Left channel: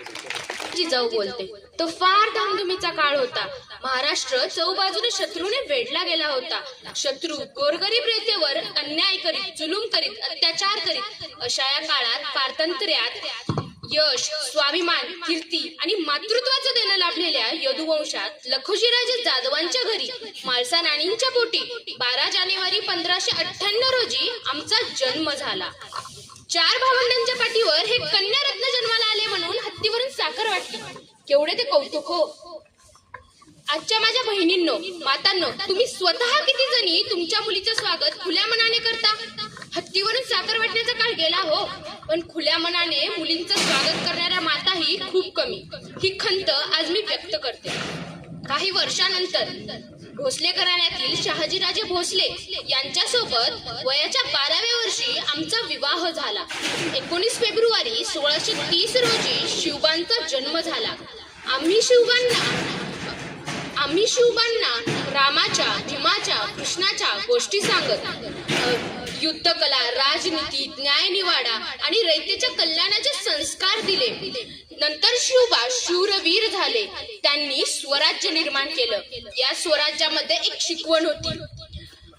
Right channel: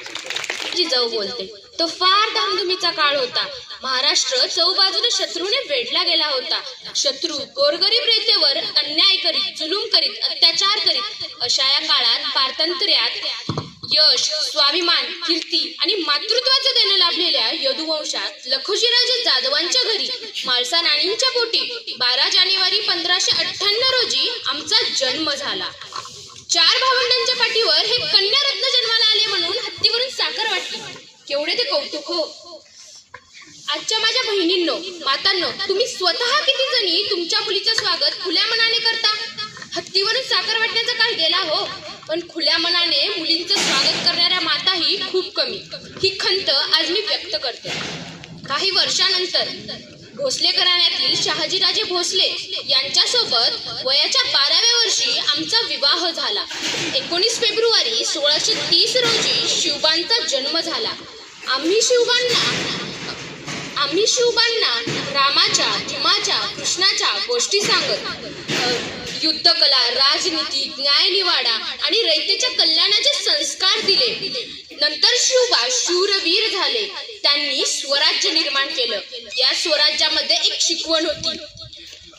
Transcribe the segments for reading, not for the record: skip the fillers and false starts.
जिजाऊ बोलते. तो फार धामधुमीचा काळ होता. महाराष्ट्र चौबाजूने शत्रूने वेढला गेला होता. शत्रू गोरगरीब रेतेवर अन्याय करीत, जुलूम करीत, अत्याचार करीत. अशा या काळात पारतंत्र्यात यश, स्वाभिमान, कीर्ती आणि मातृत्वाचं देणं लाभलेल्या यदुवंशात लखुजीराजे जाधवांच्या घरी माळसा नाणींच्या पोटी 12 जानेवारी 1598 रोजी आमचा जन्म झाला. 4 भावंडांच्या पाठीवर हे कन्यारत्न जन्माला आले म्हणून हत्तीवरून साखर वाटली. केवढे ते कौतुक हो. आजच्या माझ्या बहिणींनो, मातांनो, तुम्ही स्वतः किती जणी तुमच्या मुलीचं स्वागत खुल्या मनाने करता? हत्तीवरून साखर वाटण्याचा काळ गेला हो, पण खुल्या मनाने मुलींचं स्वागत करणाऱ्या माताही खूप कमी. ही खंत आज मी व्यक्त करते. काही वर्षानंतर भोसले घराण्यातील शहाजीराजे भोसले यांच्यासोबत वयाच्या 12व्या वर्षी आमचा विवाह झाला. 19 फेब्रुवारी 1630 रोजी शिवबांचा जन्म झाला. आम्ही शिवबांना रामाच्या, भीमाच्या, कृष्णाच्या गोष्टी सांगत युद्धकला, राजनीती, न्यायनिवाडा आणि रयतेच्या कल्याणाचे संस्कार दिले. नंतर शिवबा शूरवीर झाले. त्यांनी स्वराज्य निर्माण केलं. या स्वराज्यामध्ये एक शिकवण होती.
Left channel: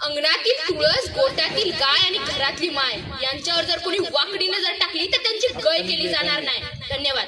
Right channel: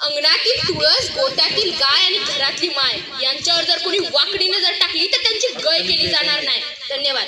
अंगणातील तुळस, गोठ्यातील गाय आणि घरातली माय यांच्यावर जर कोणी वाकडी नजर टाकली तर त्यांची गय केली जाणार नाही. धन्यवाद.